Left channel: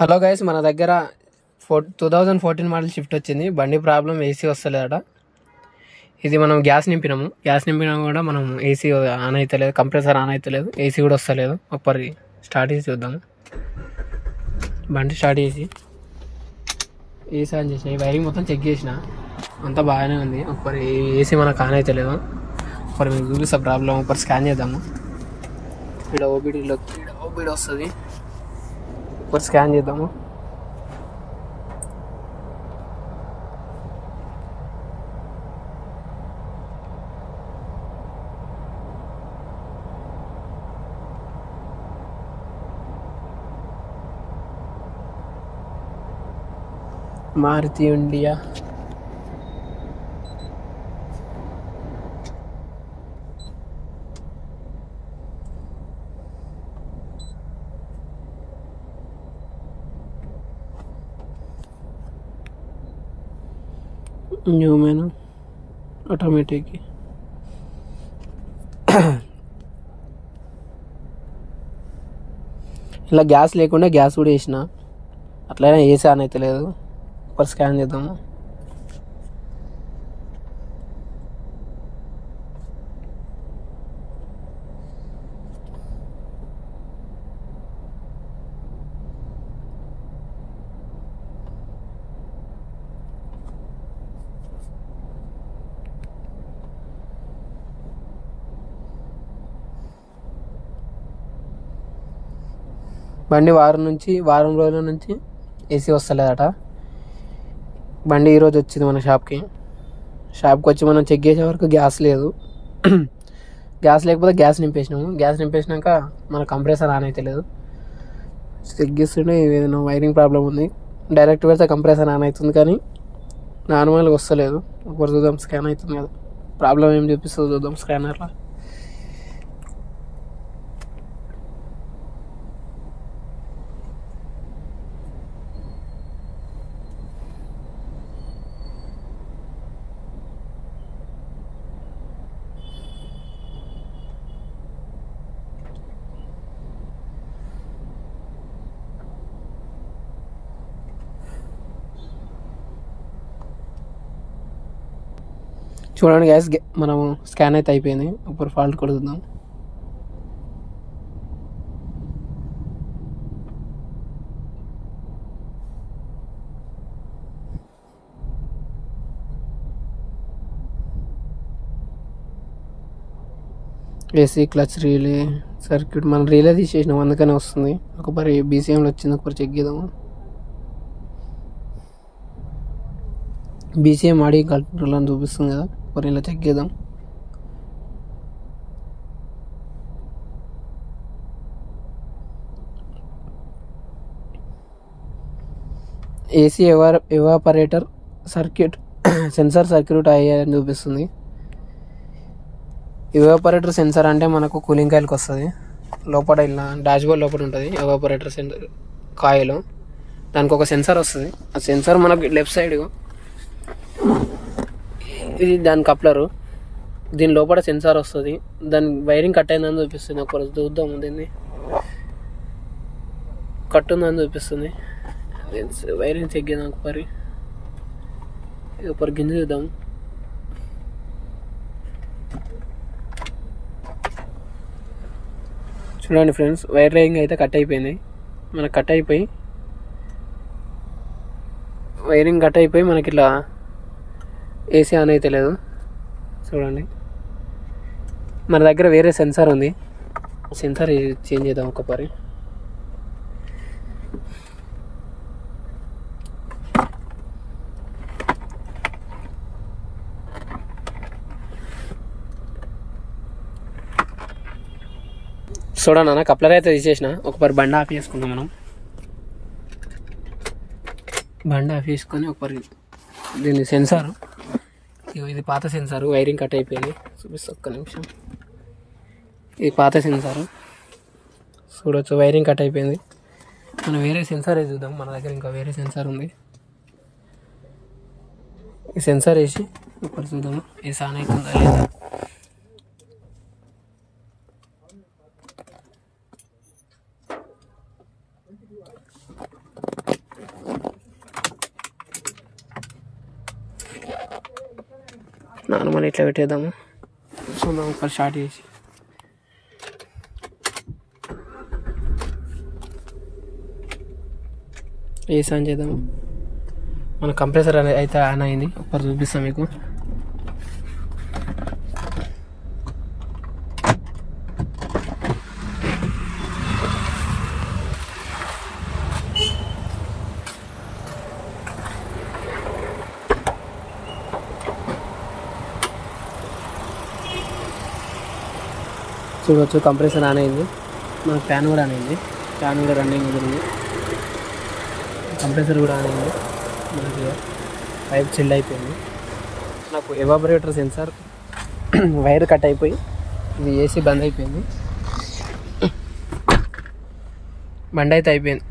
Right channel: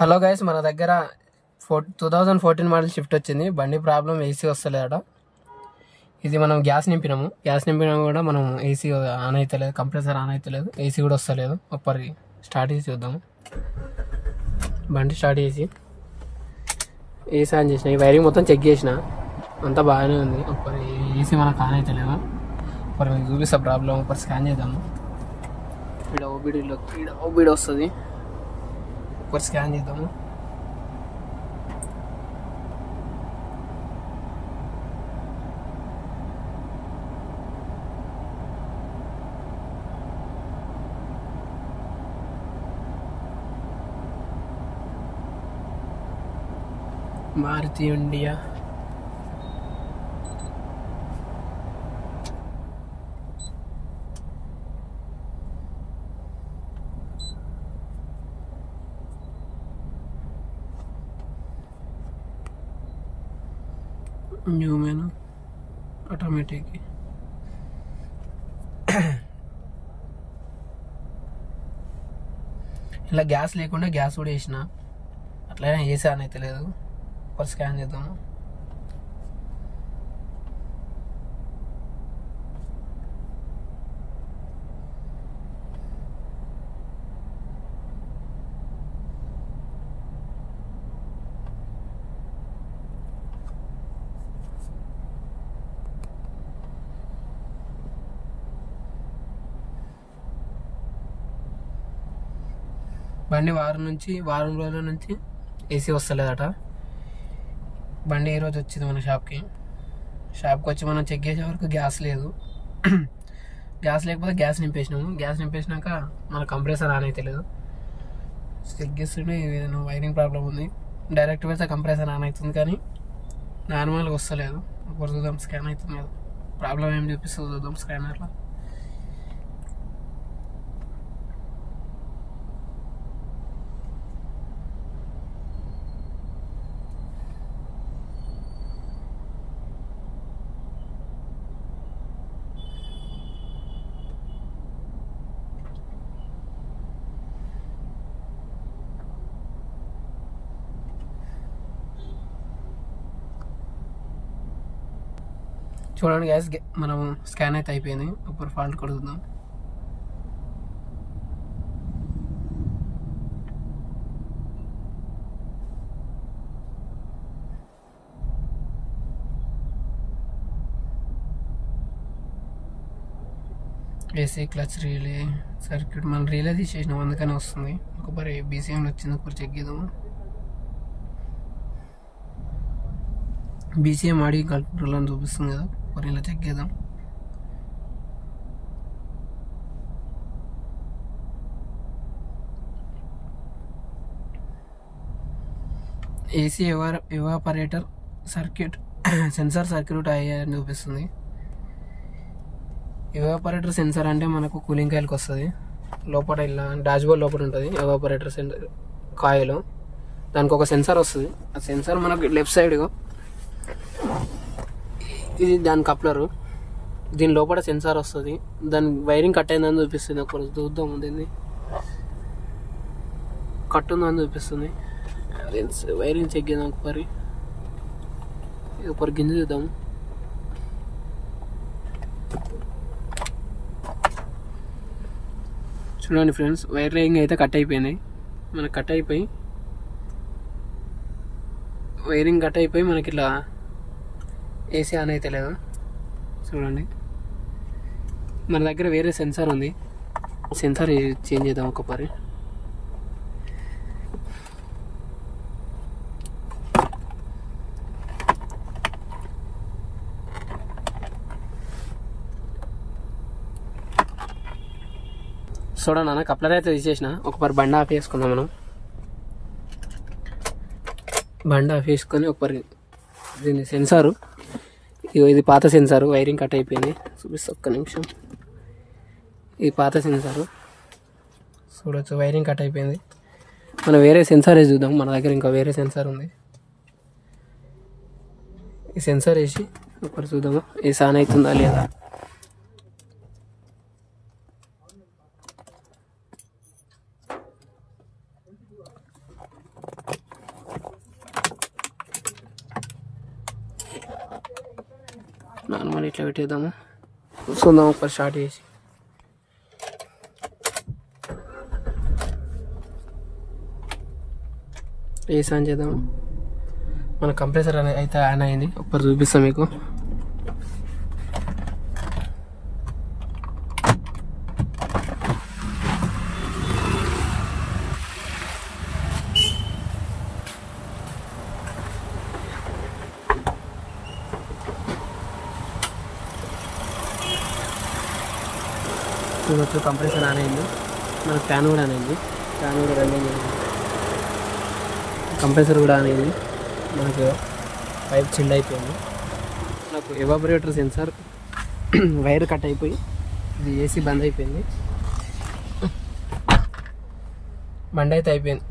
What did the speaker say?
Hello guys, మన దగ్గర 2014 model shift వచ్చింది. బండి ప్రాబ్లం ఏసీ వస్తలేదట. ఇది మనం గ్యాస్ నింపినా కూడా మనం ఏసీ ఆన్ అవుతలేదు, కంప్రెసర్ ఆన్ అవుతలేదు, ఏసీ కూడా వస్తలేదు. ఒకసారి స్టార్ట్ చేసి చూద్దాము. బండి స్టార్ట్ చేసి ఏసీ ఆన్ చేసిన, ఈ వైరింగ్ మొత్తం చెక్ చేసిన, అంతా బాగానే ఉంది. ఒకసారి ఏసీ మనకు ఆన్ అవుతలేదు. ఒకసారి మీకు చూపిస్తా ప్రాబ్లం. ఒకసారి స్కాన్ చేద్దాము. ఇక్కడ ఓబీడీ వస్తుంది. ఒకసారి స్కాన్ చేద్దాము. Maruti India new menu automatic. ఇలా గ్యాస్ లేకుండా గ్యాస్ కూడా వేసిన, అట్లనే ఏసీ ఆన్ అవుతలేదు. ఒకసారి స్కాన్ చేద్దాము. బండి వారం రోజుల నుంచి ఏసీ వస్తలేదట. బండి ఈరోజు వచ్చింది మన షాప్కి వచ్చి మనం చెక్ చేసే వరకు గ్యాస్ లేదు. గ్యాస్ లేకపోతే గ్యాస్ నింపేసినాక మన కంప్రెసర్ ఆన్ అయితే లేదు. చెక్ చేస్తుంటే ఏదైనా వైరింగ్ ప్రాబ్లం ఉంది. డైరెక్ట్ పెడితే కంప్రెసర్ ఆన్ అవుతుంది, కానీ నార్మల్గా వస్తలేదు. ఒకసారి చూద్దాం. స్కాన్ అవుతుంది కదా, ప్రాబ్లం ఏం చూపిస్తుందో చూద్దాం స్కానర్లో. చూడండి గ్యాస్, మనం స్కాన్ అయితే అయిపోయింది. ఇప్పుడు ఫాల్ట్ కొడుకుందాం. ఏసీ క్లచ్ రీలే సర్క్యూట్, మనం రీలే తీసేసినాం, అందుకనే వస్తుంది. ఒకసారి బీసీఎంలో వచ్చింది, ఒకసారి చెక్ చేద్దాము. బీసీఎం ఆడి కంట్రోల్ అని చూపిస్తుంది కదా, ఒకసారి ఇలా చెక్ చేద్దాం. AC evaporator circuit sensor circuit అయ్యాయని చూపిస్తుంది. ఎవాపరేటర్ సెన్సార్ అంటే మనకు కూలింగ్ కాయిల్కి వస్తుంది. లోపల ఇలా డాష్బోర్డ్ లోపల ఉంటుంది ఎవాపరేటర్ సెన్సార్ కాయిల్. దానికి ఒక సెన్సార్ వస్తుంది. ఆ సెన్సార్ మనకు లెఫ్ట్ సైడ్, ఇది దాని కప్లరు. దీని లోపల సెన్సార్ వస్తుంది. దాని వైరింగ్ కట్ అయిందని చూపిస్తుంది. ఒకరోజు చూద్దాము. దీన్ని కట్ ఉందని చూపిస్తుంది. వైరింగ్ చెక్ చేద్దాం. ఒకరి గింజ చూద్దాము. చూడండి ఫ్రెండ్స్, వైరింగ్ అయితే కట్ అయిపోయినాయి. మనకు వైరింగ్ కట్ అయిపోయి మనకి ఇట్లా ఏసీ ఆన్ అయితే లేదు. చూడండి, మన దగ్గర వేరే సెన్సార్ ఉంది. సెన్సార్ చేంజ్ చేద్దాం ఒకసారి. చూడండి అన్న, కప్లర్ అయితే తీసేసిన. ఒకసారి బండి ఆఫ్ చేసుకుందాం. మనం బండి ఆఫ్ చేసుకొని ఒకసారి దీని సెన్సారు, ఇది పాత సెన్సారు, వైరింగ్ కట్ అయిపోయింది. చూపిస్తా ఒక్క నిమిషం. ఇది పాత సెన్సారు, చూడొచ్చు వైరింగ్ కట్ అయిపోయింది. మనం వేరే సెన్సార్ వేసి చూద్దాం. మన దగ్గర ఇంకా వేరే సెన్సార్ ఉంది. ఈ సెన్సార్ వేసి ఒకసారి చూద్దాము, ఇది ఆన్ అవుతుందా లేదా. నార్మల్ ఇట్లా పెట్టేద్దాము. చూద్దాం ఒకసారి స్టార్ట్ చేసి. ఏసీ ఆన్ చేద్దాము. మన కంప్రెసర్ అయితే ఆన్ అయింది. ఒకసారి చూపిస్తాం మీకు. చూడవచ్చు కంప్రెసర్ ఆన్ అయింది. మనకు ఫ్యాన్ కూడా ఆన్ అయింది. ఫ్యాన్ కూడా రన్నింగ్ ఉంది. కంప్రెసర్ కూడా ఆన్ అయింది. మనకు పైప్ చిల్డ్ అయిపోయింది. నాకు ఎవాపరేటర్ సెన్సార్ వైర్ కట్ అయిపోయి ఇది ఏసీ బంద్ అయిపోయింది. బండి అయితే అయిపోయింది.